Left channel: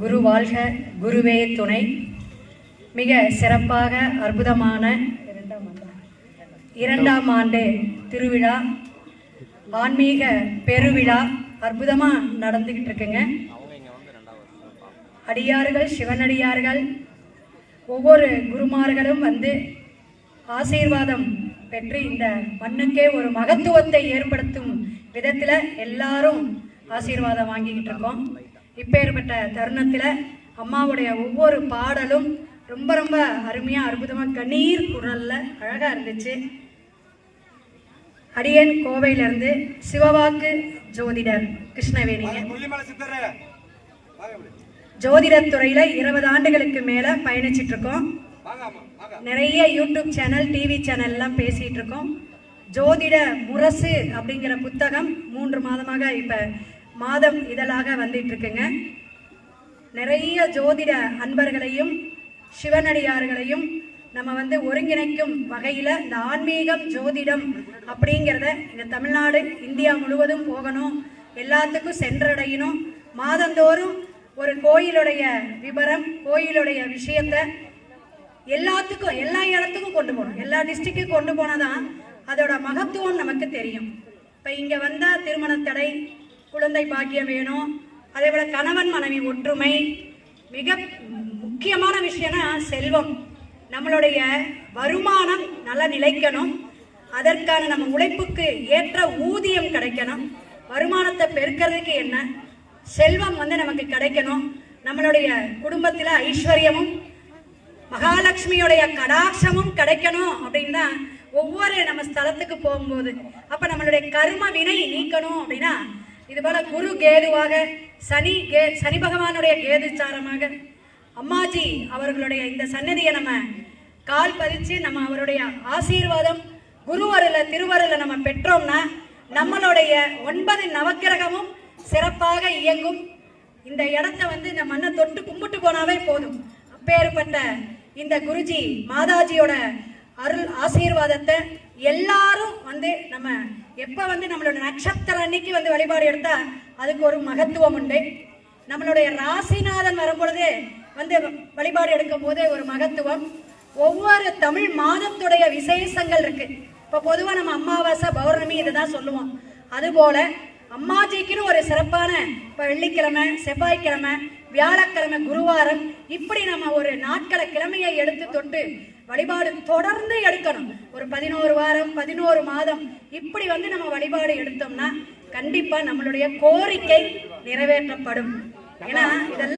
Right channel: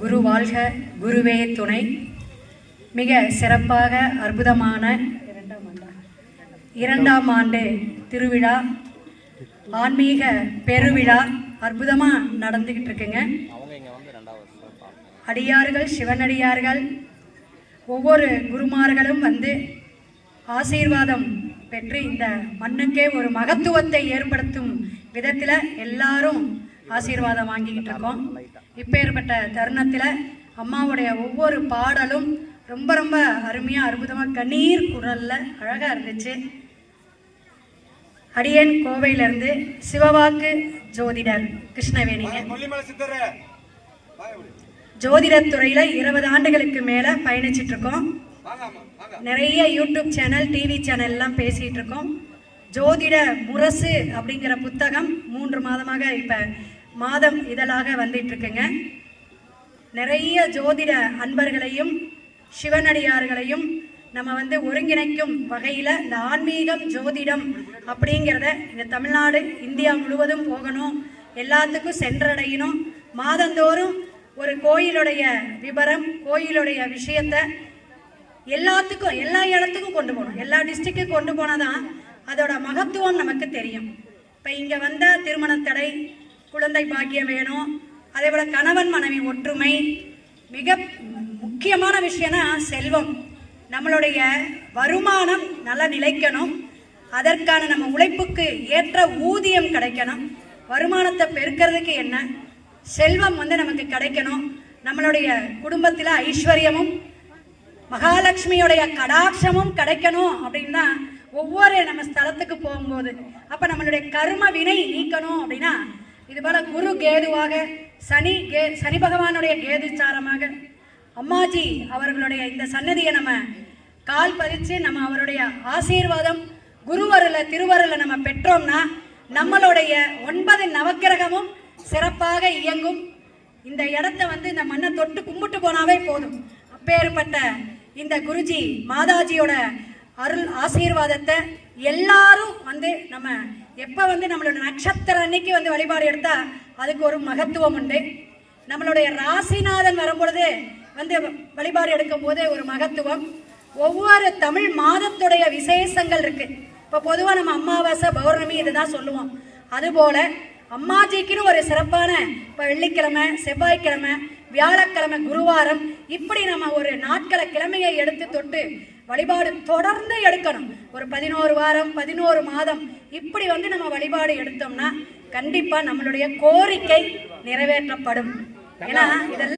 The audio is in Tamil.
குரு வாழ்க, குருவே துணை. மிக சிறப்பாக அற்புதமான இரண்டாம் ஆண்டு திருவிழா, ஆன்மீக பெருவிழா அற்புதமாக நடந்துகிட்டு இருக்குங்க. அடியார்கள், சிவனடியார்கள், ஒவ்வொரு குருமார்களும் வந்து ஆசீர்வாதம் பெற்று இந்த மண்ணுக்கே ஒரு மகத்துவத்தை ஏற்படுத்தும் விதத்தில் எல்லாரும் ஆசீர்வாதம் வாங்கிக்கிட்டு இருக்கோம். இப்பேற்பட்ட தருணத்தில் அம்மாவுடைய ஒவ்வொரு பாடலும் ரொம்ப ரொம்ப அருமையாக அற்புதமாக கண்ணீர் குரலில் அழகாக இருந்துச்சு. அடியன் கோவையிலேருந்து சிவவாக்கு ஜோதிடர் கிருஷ்ணவேணிங்க. ஜோதிடத் துறையில் 20 ஆண்டுகளுக்கு மேலே பயணிச்சுட்டு இருக்கோம். நிறைய யூடியூப் சேனல், டிவி சேனல்லாம் பேசிகிட்டு இருக்கோம். ஜோதிட முரசு அப்படிங்கிற புத்தகம் 3 மாதமாக இப்போ மாதம் இதழாக வந்துட்டு இருக்குங்க. நிறைய ஜோதிட அன்பர்களையும் சிவனடியார்களையும் நம்ம வந்து ஒருங்கிணைக்கும் வகையில் இந்த ஆன்மீகம், ஜோதிடம் அப்படிங்கிறத இந்த தமிழ்நாடு, இந்தியா முழுவதும் போகணும், எல்லாத்துக்கும் சென்றடையணும். மாதந்தோறும் ஒரு கோயிலுடைய விவரம், கோயிலுடைய விஷயத்தை எல்லாத்துக்கும், எல்லா இடத்துக்கும் கொண்டு போகணும். எல்லா டிஸ்ட்ரிக்டும் கொண்டு போனால் தான் அதோட மகத்துவம் நமக்கு தெரியும். இப்போ இங்கே வந்தால் திருமண தடை, குழந்தை பாக்கியம் வேணும், அதே போல் கணவன் மனைவி ஒற்றுமை, மிக முக்கியமான விஷயம்னா செல்வம். நம்மளுடைய வருமானம் நல்லா நிலைக்கணும், அதற்கான நம்ம உழைப்புக்கு ஏற்ற ஊதியம் கிடைக்கணும். வருமானத்தை பெருக்கிறதுக்கு என்ன, செல்வம் வந்து நமக்கு கிடைக்கணும். நம்மளுடைய குடும்பத்தில் ஐஸ்வர்யமும் மகாலட்சுமியுடைய கடாட்சமும் கிடைக்கணும். அப்படின்னா ஒவ்வொரு நம்ம ஸ்தலத்துக்கு போகும்போது அப்போ நம்மளுடைய கர்ம வினை நீக்கணும். அப்படின்னா இது போல குரு கேதுவாக, சனி பகவானுடைய கேதுச்சாரமாக அம்மாஜி அவர்களுடைய இந்த சன்னதியை நம்ம கால் பதிச்சு நம்ம அவருடைய ஆசீர்வாதம் குருவருள திருவருள நம்ம பெற்றோம்னா நம்மளுடைய 9 நவக்கிரகமும் சிறப்பாக இயங்கும். இந்த இடத்த வந்து இந்த மண்ணை தொட்டு கும்பிட்டு போனாவே போதும். அப்பேற்பட்ட இந்த குருஜி மாதாஜியோட அருள் ஆசீர்வாதத்தை எல்லாரும் வந்து நம்ம எப்போ வந்து நம்மளோட நட்சத்திர அன்னைக்கு வந்து வழிபாடு எடுத்தா அதுக்கு ஒரு மகத்துவம் உண்டு. நம்மளுடைய ராசிநாதன் வரும்பொழுது வந்து வழிபாடு எடுக்கும் போது ஒரு மகத்துவம். ஒவ்வொரு தமிழ் மாதத்துடைய விசேஷங்கள் இருக்கு. இப்போ பொதுவாக நம்ம அமாவாசை, பௌர்ணமி இதை தான் சொல்லுவோம். அதுபோல அம்மாஜிக்குன்னு ஒரு சிறப்பான இப்போ வெள்ளிக்கிழமை, செவ்வாய்க்கிழமை, வியாழக்கிழமை, குருவாரம், இப்படி நம்ம ஒரு நாட்களை கிழமையை எடுத்து தொட்டு வழிபாடு தொடர்ந்து எடுக்கணும். ஒரு 11 வாரம், 11 மாதம் இப்படி வந்து நம்ம வழிபாடு எடுத்தோம்னா கண்டிப்பா நம்மளுடைய கோரிக்கை நிறைவேற்றப்படும். ஏன்னா இதெல்லாம்